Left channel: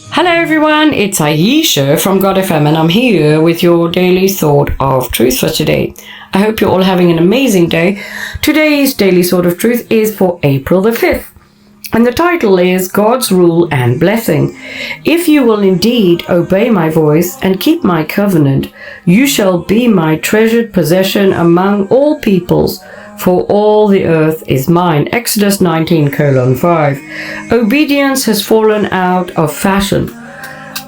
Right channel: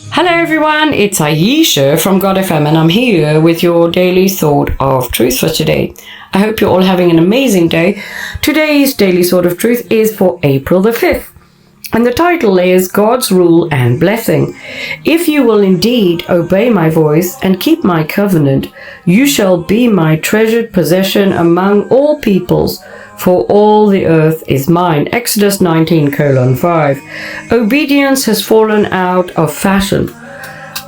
Hello everyone, it's Ayesha from God FM and I'm here with your daily thought of truth for today. I hope you're all having an amazing day. Today's daily thought of truth is for April the 5th. And the title is God's Rule and Blessing. If you will indeed obey my voice and keep my covenant, you shall be my treasured possession among all peoples, for all the earth is mine. Exodus 19:5. Obedience has fallen out of fashion,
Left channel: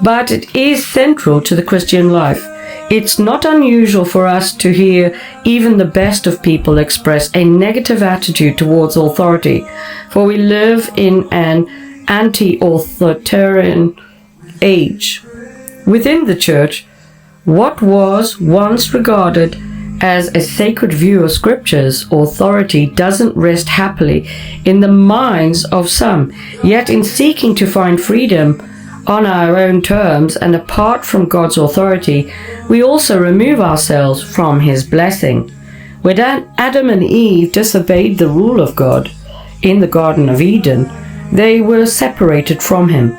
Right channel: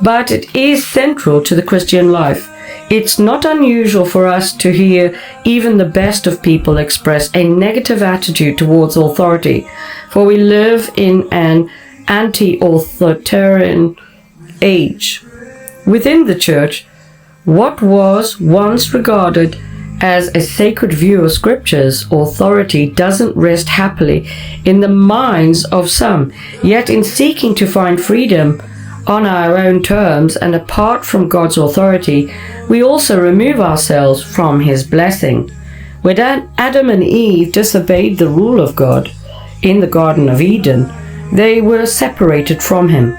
but it is central to the Christian life. It's not unusual for us to hear even the best of people express a negative attitude towards authority, for we live in an anti-authoritarian age. Within the church, what was once regarded as a sacred view of scriptures, authority doesn't rest happily in the minds of some. Yet in seeking to find freedom on our own terms and apart from God's authority, we also remove ourselves from His blessing. When Adam and Eve disobeyed the rule of God in the Garden of Eden, they were separated from Him.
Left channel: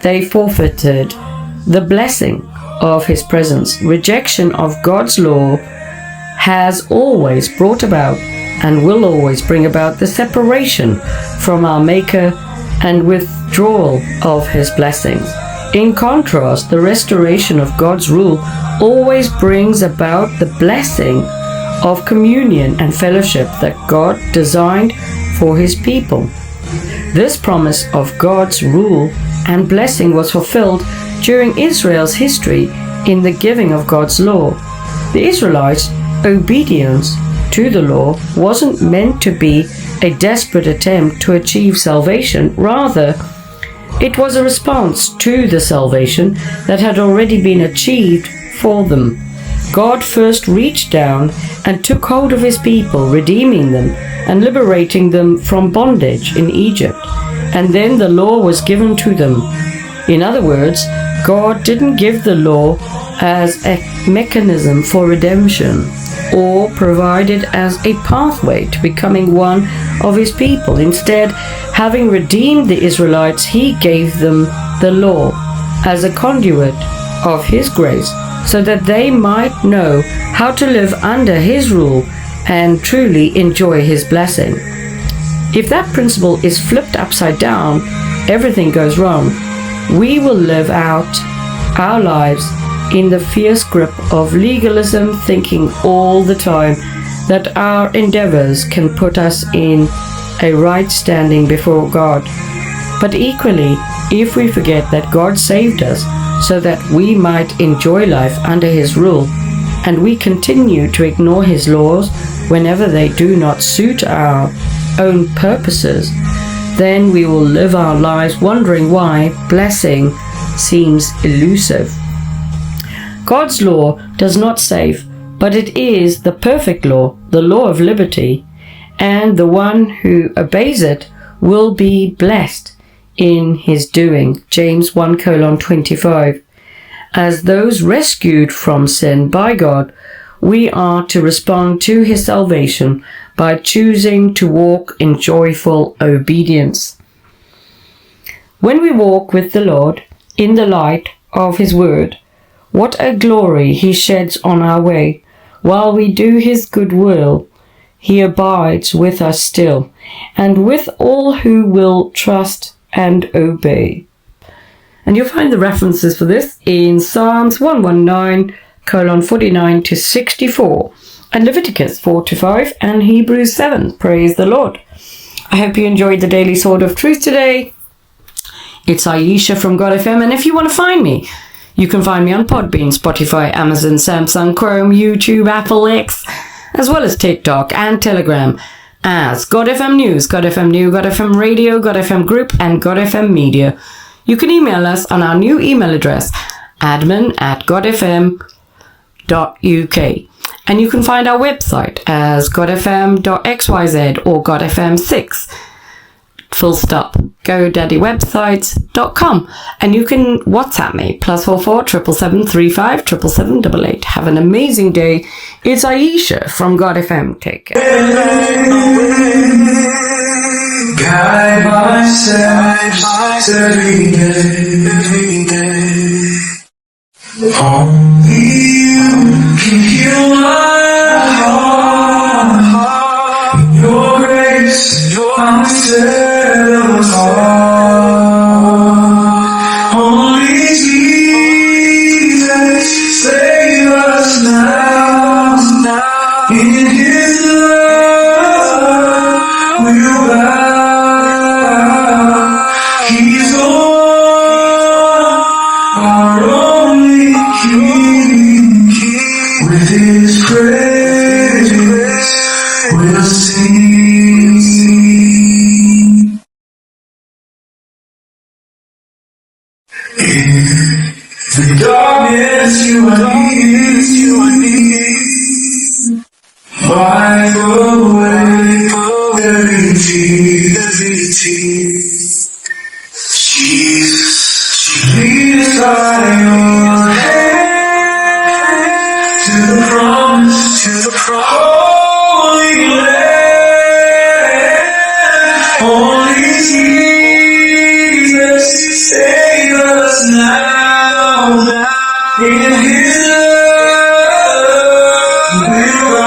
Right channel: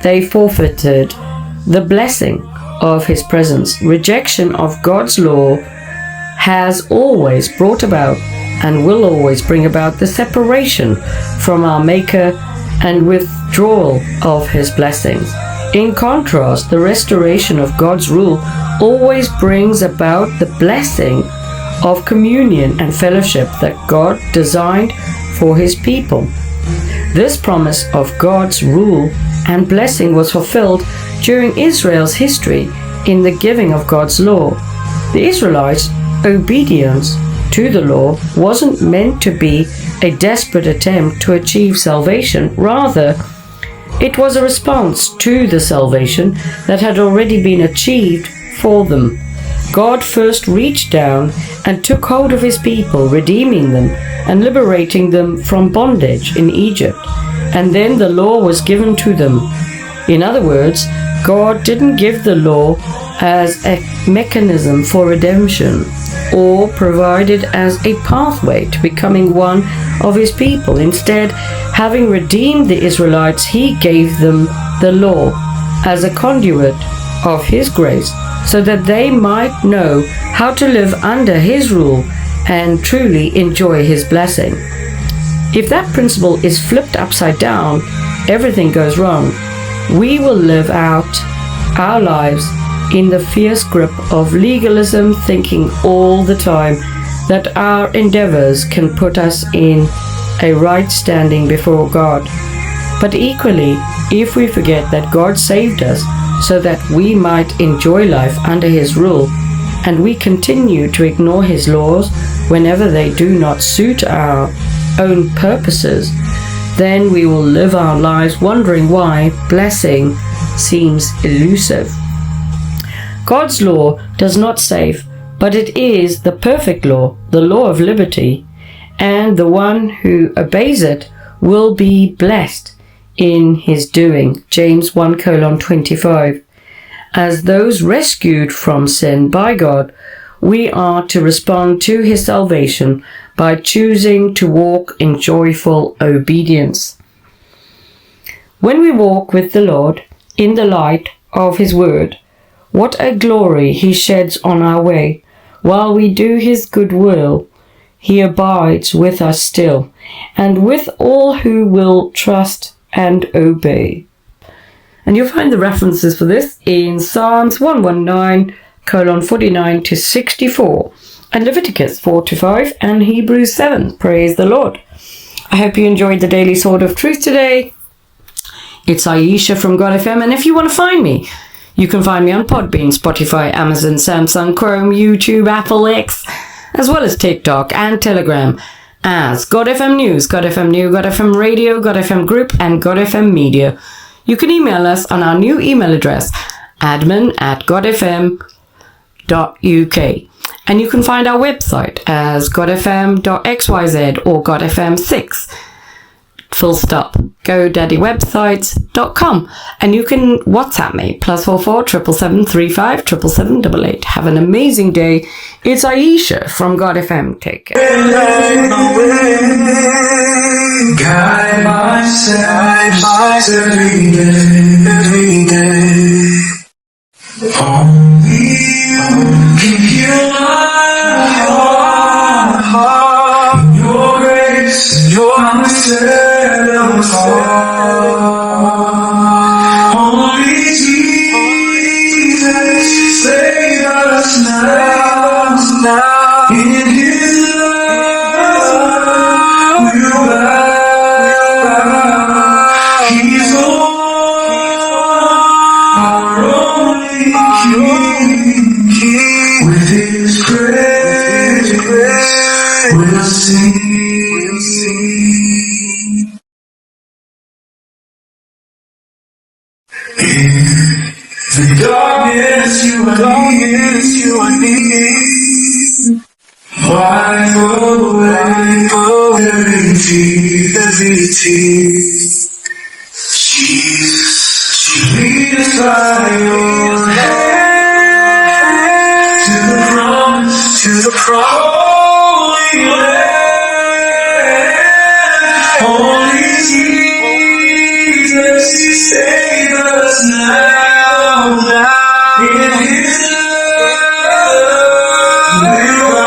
They forfeited the blessing of His presence. Rejection of God's law has always brought about and will always bring about the separation from our Maker and withdrawal of His blessings. In contrast, the restoration of God's rule always brings about the blessing of communion and fellowship that God designed for His people. This promise of God's rule and blessing was fulfilled during Israel's history in the giving of God's law. The Israelites' obedience to the law wasn't meant to be a desperate attempt to achieve salvation. Rather, it was a response to the salvation that had already been achieved for them. God first reached down and took hold of His people, redeeming them and liberating them from bondage in Egypt, and then the law was given to them. In other words, God didn't give the law as a mechanism for redemption or provided as a pathway to becoming one of His people. Instead, having redeemed the Israelites, He gave them the law as a conduit of His grace so that they might know how to live under His rule and truly enjoy His blessing. If that principle is flipped upside down, everything goes wrong. We will live out our lives in the fierce grip of legalism, thinking all the time that our endeavors can put us in a right standing before God. But equally, if we forget that God saved us so that we might enjoy life under His rule, and we continue to ignore His laws whenever they do not suit our own purposes, then we will live our lives wondering why blessing seems elusive. God's law does not save, but it is the perfect law, the law of liberty, and the one who obeys it will be blessed in his doing. James 1:25. As those rescued from sin by God, we are to respond to His salvation by choosing to walk in joyful obedience. When we walk with the Lord in the light of His word, what a glory He sheds on our way. While we do His good will, He abides with us still, and with all who will trust and obey. And you'll find the references for this in Psalms 119:49-64, and Leviticus 4-5, and Hebrews 7. Praise the Lord. I hope you enjoyed the Daily Sword of Truth today. It's Ayesha from God FM, and if you want to find me, you can find me on Podbean, Spotify, Amazon, Samsung, Chrome, YouTube, Apple, X, as well as TikTok and Telegram as God FM News, God FM New, God FM Radio, God FM Group, and God FM Media. You can email us on our new email address, admin@godfm.uk. And you can find our website as godfm.xyz or godfm6. Full stop. GoDaddyWebsites.com, and you can WhatsApp me +44 777 35 777 Have an amazing day. It's Ayesha from God FM. Take care. Guide my steps every day. Only you can heal my heart. In your grace, I'm set apart. Only Jesus, save us now. In His love, we'll bow. He's the one, our only King. With His praise, we'll sing. In the darkness, you are near. Wipe away every tear. Jesus, lead us by your hand to the promised Holy Land. Only Jesus, save us now. In His love, we'll bow.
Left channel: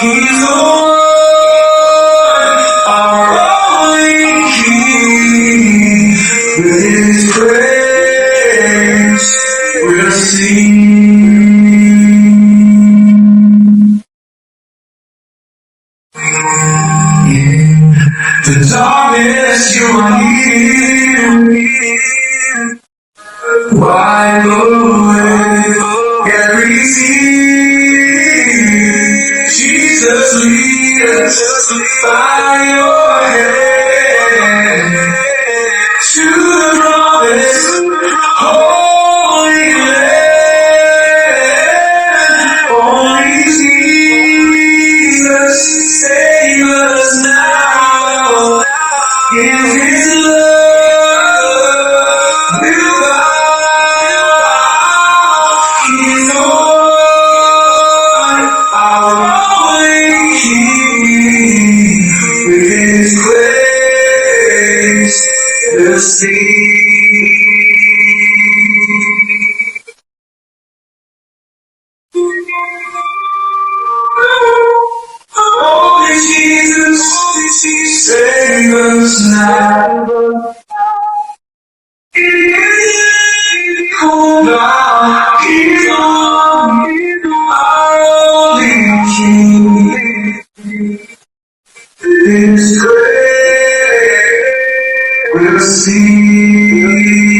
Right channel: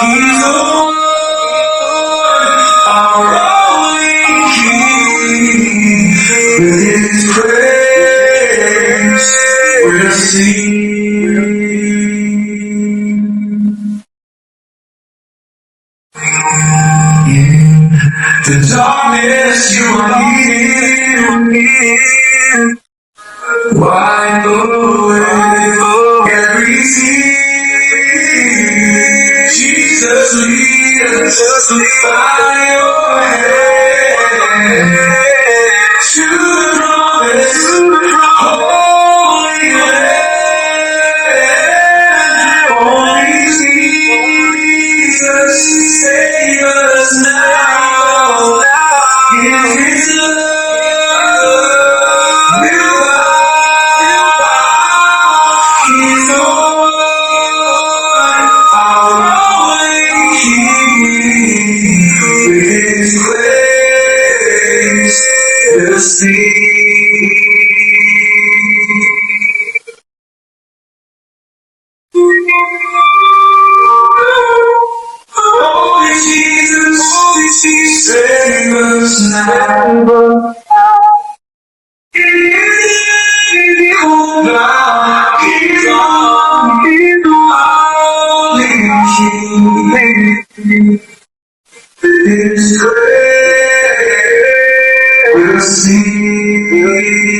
He's the one, our only King. With His praise, we'll sing. In the darkness, you are near. Wipe away every tear. Jesus, lead us by your hand to the promised Holy Land. Only Jesus, save us now. In His love, we'll bow. He's the one, our only King. With His praise, we'll sing. Only Jesus, save us now. In His name, oh God, He's the one, only King. His praise will sing.